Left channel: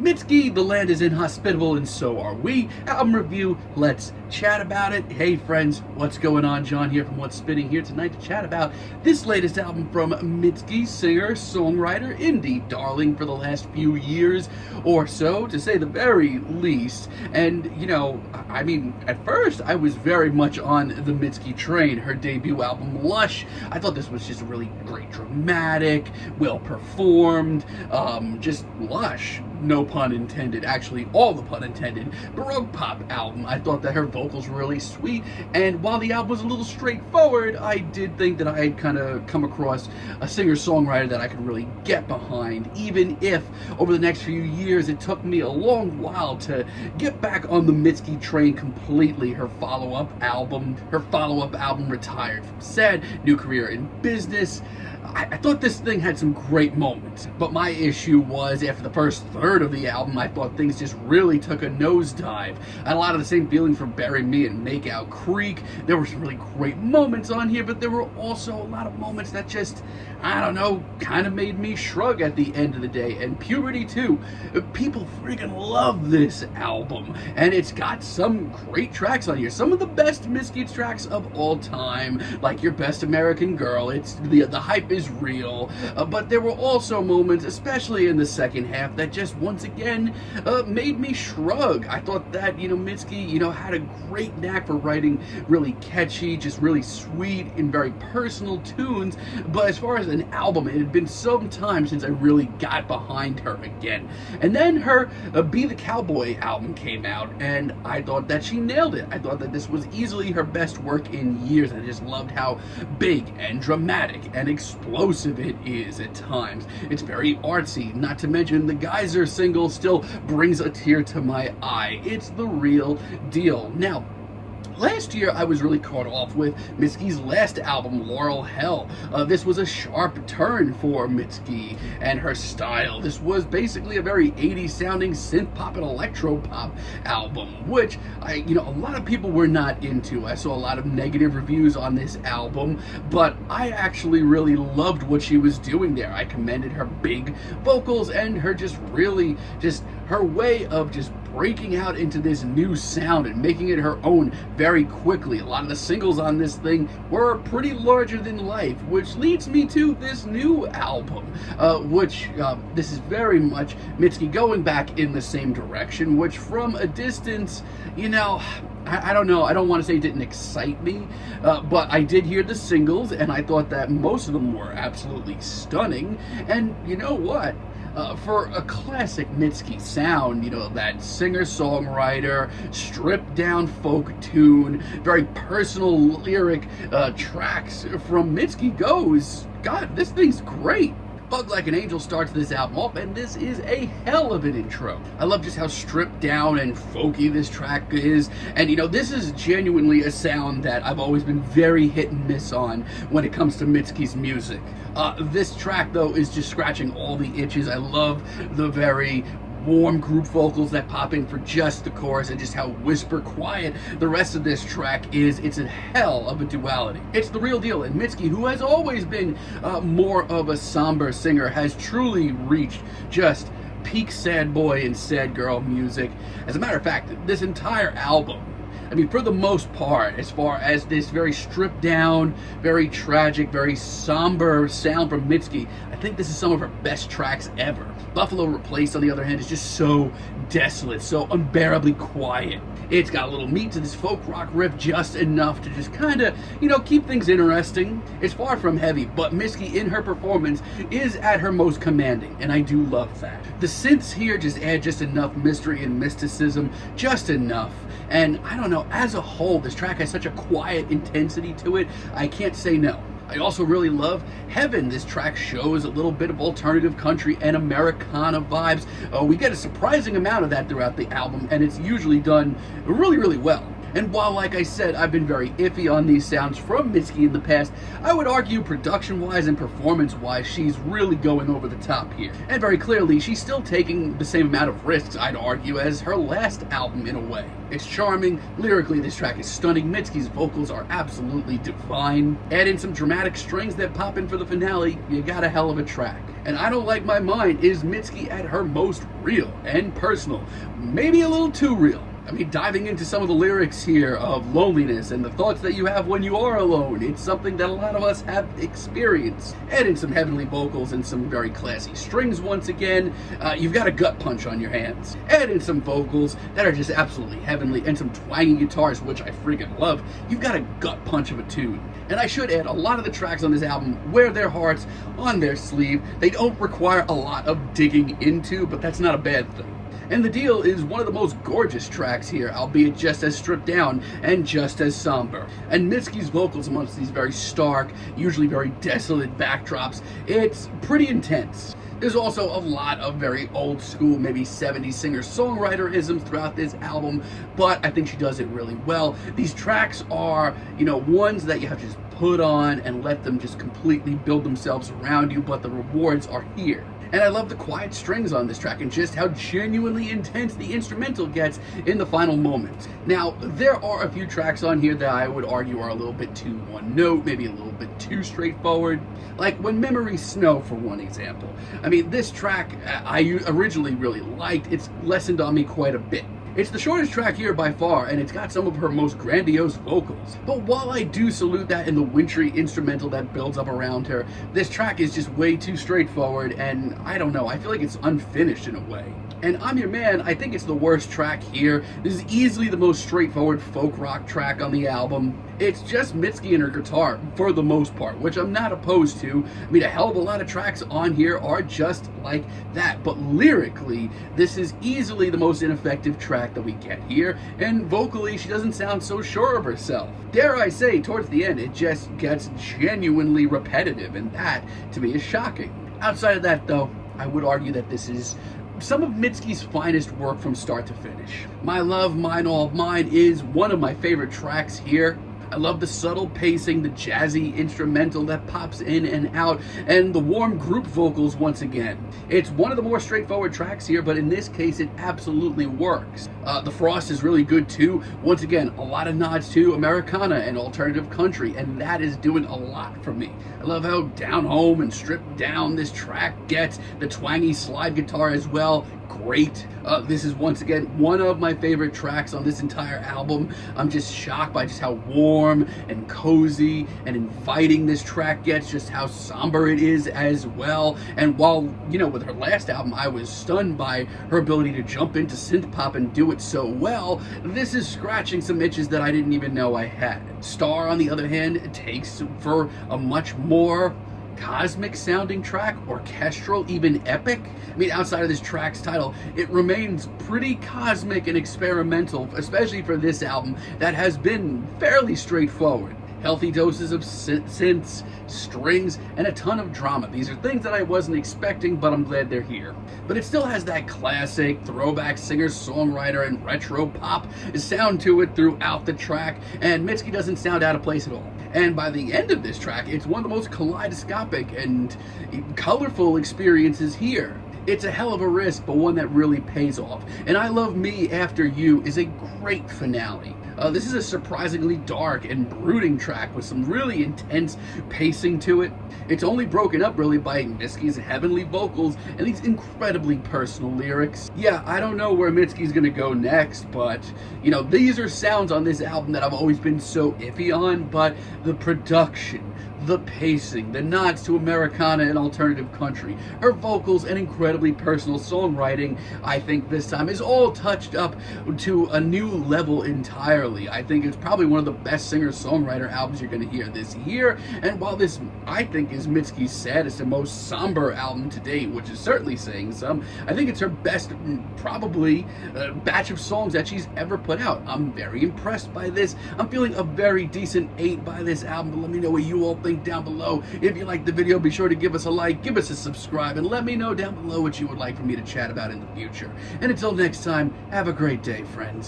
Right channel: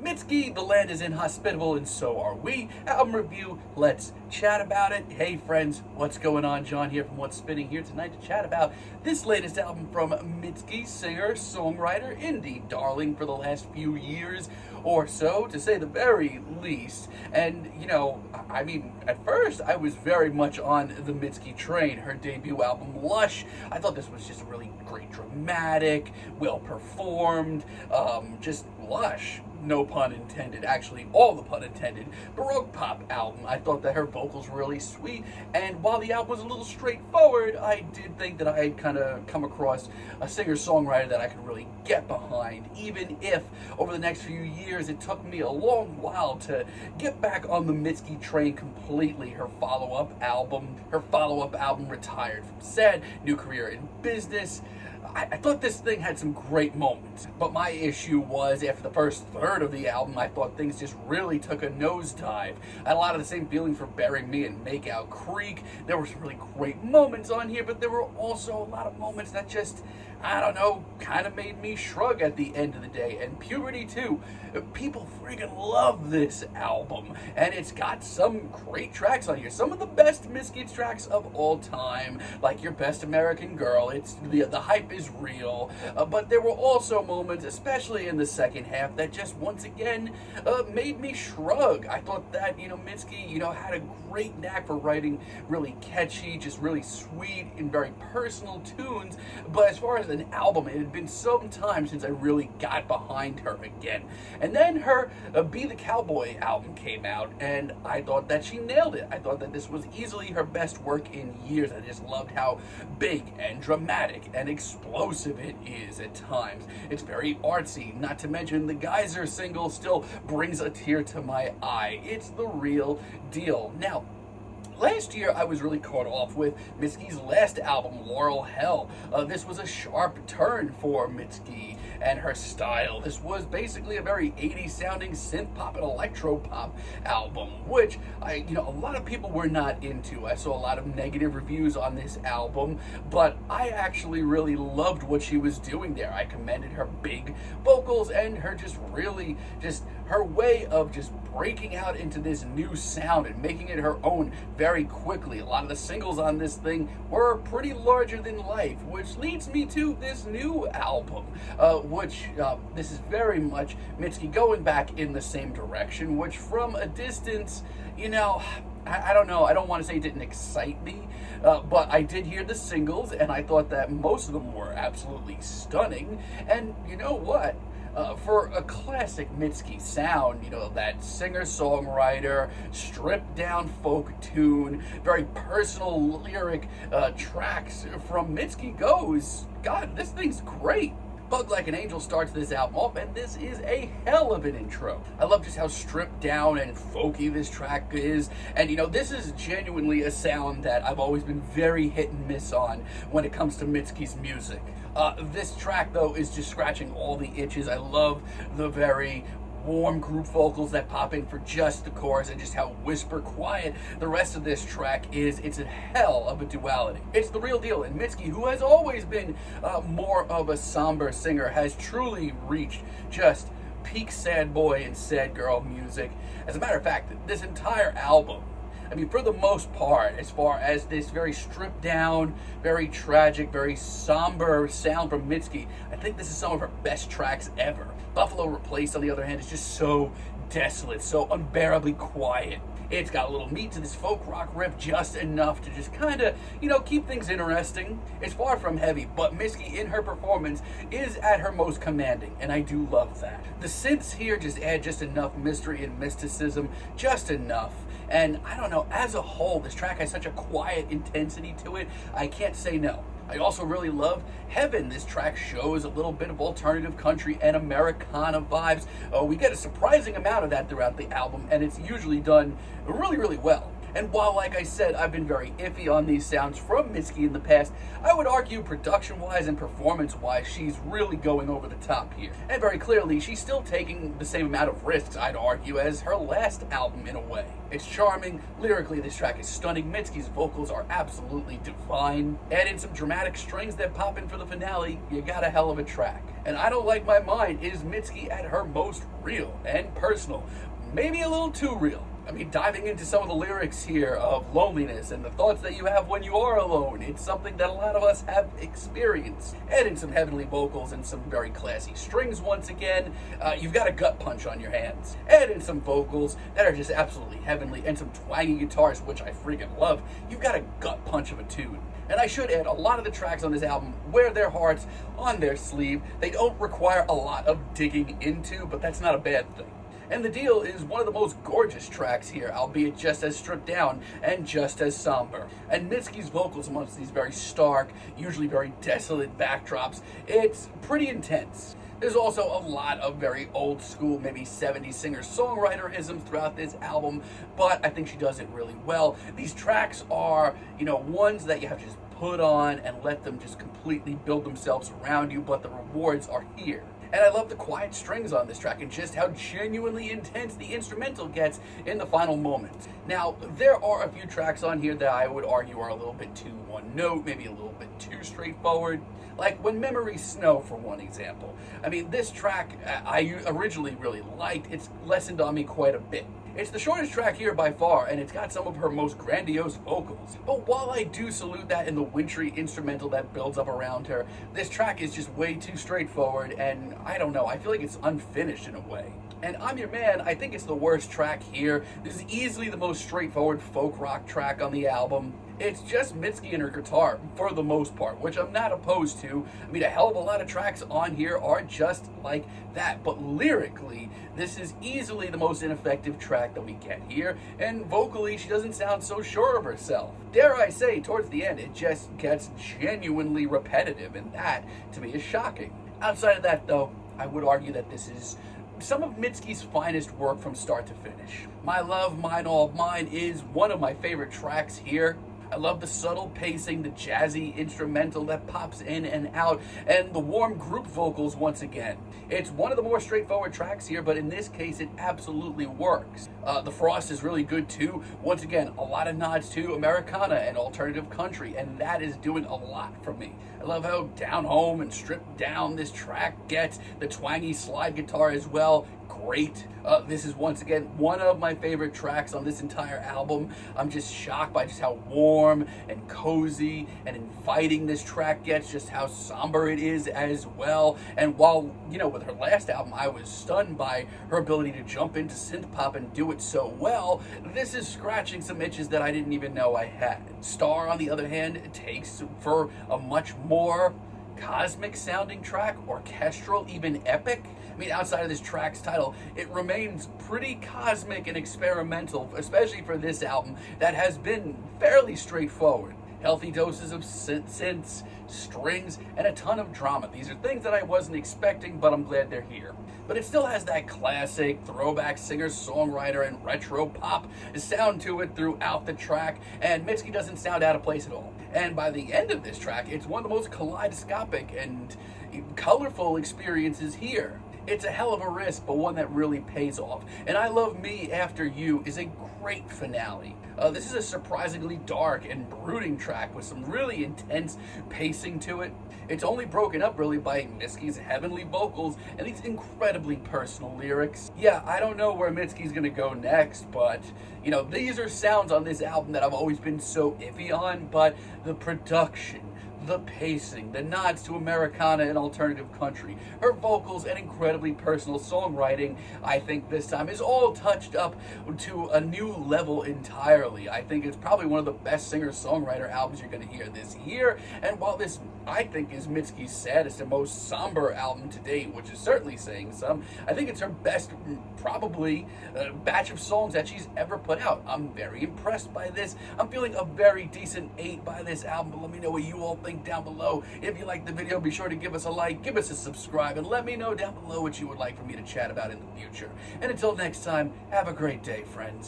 Mitski, the land is inhospitable, and so are we. Album review, let's chat about it. Hey friends, what's going on? John here from What's Spinning here tonight to chat about this latest album from Mitski, singer-songwriter, indie darling for the last few years or so, to say the very least. And, you know, I mean, at first I was very much on the Mitski train. Her debut album, Lush, I thought this was just really great, dramatic, well performed, just lush. No pun intended, actually all the pun intended, Baroque pop album. I thought that her vocals were really sweet, and while the album was a little straightforward, I did think that I had kind of come across a singer-songwriter that I could really get behind, even if over the next few years it took me a long while to get back on the Mitski train completely. Her follow-up album Retired from Sad, New Career in Business. I thought this thing had some great moments, but my issue was after the first third of the album, I thought things just really took a nosedive. I had a lot of the same feelings for Bury Me and Makeout Creek. There were some really great moments on here, but there were also a lot of moments that just, I don't know, kind of made me shrug at the end of the day. And Puberty too. People freaking love this album, and it's got some great tracks on here. Some of the best Mitski tracks of all time, like Your Best American Girl. It's the hype is real, but there were also moments, especially in the second half, that just once again made me shrug. I thought that, you know, Mitski, you know, had a great knack for writing really catchy, just really sweet and very personal tunes, but as far as an album, it had been some time since I really got behind her again. And then her Be the Cowboy album came out, and I thought that she nailed it. I thought that this was easily her best work in years. I just loved how big and dramatic and explosive it is at times. It's very artsy, not to mention the Geyser single still brings a tear to my eye. It's the real deal. Now, last year, I was really caught off with Mitski's last album, Laurel Hell. This was a sharp turn for Mitski and her style. This was basically a very 80s sounding synth pop and electro pop album, which a lot of people were not into. I saw a lot of negative reviews on this album, but I actually really loved what she was doing there. I commended her big vocals and her her way of just breaking out into this new sound and making it her own very quickly. A lot of the singles on this thing were pretty larger than life, which leads me to this new album, this is very much Mitski going back in the same direction, which from a distance, you know, I don't know, I don't want to say it didn't excite me, but I did hear the singles, and I thought that most of them were absolutely stunning, and you know what? For a classic Mitski sound, you know, that singer-songwriter, stripped-down folk tune, very personal lyric tracks from Mitski goes, God, this thing's great. Bug Like an Angel starts this album off, and this is a hell of an intro. I love just how stripped down and folky this track is, and you know, this is genuinely a sound that I've always been very hit and miss on when it comes to Mitski's music. This track, though, is just scratching all the itches. I love the very warm group vocals that pop in for just the chorus, and just how whisper quiet the rest of this track is. It's a hell of a duality. It's the real deal, and Mitski, who has always been more of a somber singer, has truly reached just peak sad boy and sad girl music. As a matter of fact, this entire album, I mean, for the most part, as far as this very stripped down, very tragic, very somber sound from Mitski, I think this is some of her best tracks ever. Buffalo Replaced, on the other hand, is just so desolate, so unbearably quiet. It's got a little meat to this folk rock riff, just enough to just kind of, you know, keep things interesting. It's far from heavy, but Mitski in her performance is at her most commanding, and I do love that. The synths here just add just enough mystery and mysticism, just enough. And I don't know, as a whole, this track has such a quiet intensity to it, I can't say no. I also really love Heaven. This track shows a little bit of alternative country and Americana vibes. We get a surprising amount of that throughout the album, and it's usually done really, really well. And while, like I said, I've been very iffy on these sounds from Mitski in the past, I would argue production-wise and performance-wise, she's really going over the top here. And very clearly, she's still taking the same amount of risks, I'd argue, as her last album in a way. It's charming, lyrically this track is stunning, Mitski's vocals are absolutely divine. Add in some dramatic strings that pop in for the finale, you got a hell of a track. And I Don't Like My Mind is Mitski at her most real and personal, maybe a little too real. I mean, diving into some of the lyrics here of loneliness and the thoughts that you have when you are alone, it's something that a lot of us have experienced. Add in some heavenly vocals and some very classy strings once again, you've got a gut punch on your hands. Add in some vocals that are just absolutely heavenly and some twangy guitars, which I freaking love. You've got a gut punch of a tune. And I should add, a lot of the tracks on this album wear their hearts on their sleeve. They don't require a lot of digging into, but that's not a bad thing. And The Deal is one of the most gorgeous tracks here, albeit just as stripped down and just as somber. And Mitski's vocals amongst these very stark, usually very desolate backdrops, it's pretty intense. There's also a lot of very old school, maybe 70s singer-songwriter-isms throughout this album, but I think she does it really well. These tracks are, ones that you have to just put on and let them just completely build themselves around you, but the rewards are here. And I love the quiet strings on this track and just how genuinely intense the instrumental gets in the final moments. Now, there are a few tracks on here that I would argue are a little bit too one note, maybe a little bit too straightforward. Like When Memories Snow, for one example. I mean, this track I originally really liked. It's lessened on me quite a bit. It's the shortest track here by far, and it's got some of her most grandiose vocals. But while I do salute that in the wintry instrumental that builds up around her, this track is just way too straightforward, and I don't know, I feel like it's unfinished in a way. And I'm Your Man, I think it's the worst track here. This is easily the most straightforward folk rock track on the album. It's just Mitski and her guitar, for the most part, which I'm not opposed to. I mean, a hell of a lot of tracks on here are just like that. But lyrically, this is easily the most ineffective track that we get here. And vocally, she doesn't sound so sure of herself. Dare I say, towards the end, it just gets genuinely repetitive, and that, to me, is shocking. Outside of that, though, I would argue that this is some of Mitski's finest work from start to finish. My Love, Mine, All of Mine is one of my favorite tracks here. I love the subtle pacing, the jazzy instrumental that pops in and out, and the warm group vocals once again. It's one of the more straightforward tracks here, but in this case, it absolutely works. The Frost is really good too. Once again, a lot of nods to Americana and alternative country, and that is doing a lot for me. I love how down home and stripped down this track gets. The twangy slide guitar as well. Great. This is once again one of my favorite tracks on this entire album. I'm just shocked by just how warm and cozy and inviting this track gets, just how somber it is as well. And while, with her last album, I was stunned by her ability to jump into synth pop and do it so well, this is scratching some itches that I didn't even know I had. Star, on the other hand, takes for a much more cosmic sounding track, orchestral, even epic. I mean, outside of this track's title, it remains pretty cosmic and experimental, especially for this album that has been fairly straightforward. Healthy doses of synths, strings, and a ton of drama. These are things that I wasn't expecting, but I'm glad they're here. But it still has that classic throwback singer-songwriter and retro pop sound to it throughout the track, and Mitski doesn't sound out of place at all. And by the end of this track, it's one of the most kaleidoscopic and colorful experiences here. It's a hell of a risk, but one that really pays off. And I Love Me After You is a great finale. This is a surprisingly dark and brooding track with some really intense pacing to it. It's only broken up really by Mitski's heavenly vocals and these incredibly personal lyrics. Yeah, I don't know where Mitski's gonna go next, but these are sounds on this album that I've always been so iffy on, but the production, the pacing, the nods to Americana and alternative country, her vocals and incredibly personal songwriting, I think this time is all touched up to a new level entirely. I think it's probably one of the best singer-songwriter albums you're going to hear this year, and while this, I think, is Mitski's saddest and most somber album to date, which is certainly saying some, I think it's her best, probably, batch of songs that she's ever put out. I'm very impressed by this. I'm feeling a very decent 8 by this album, but let me know what you all think down below. If you liked the video, be sure to give us a like, give us a subscribe, and let me know down below what you would like for me to chat about in the future. And until next time, have a great day, friends.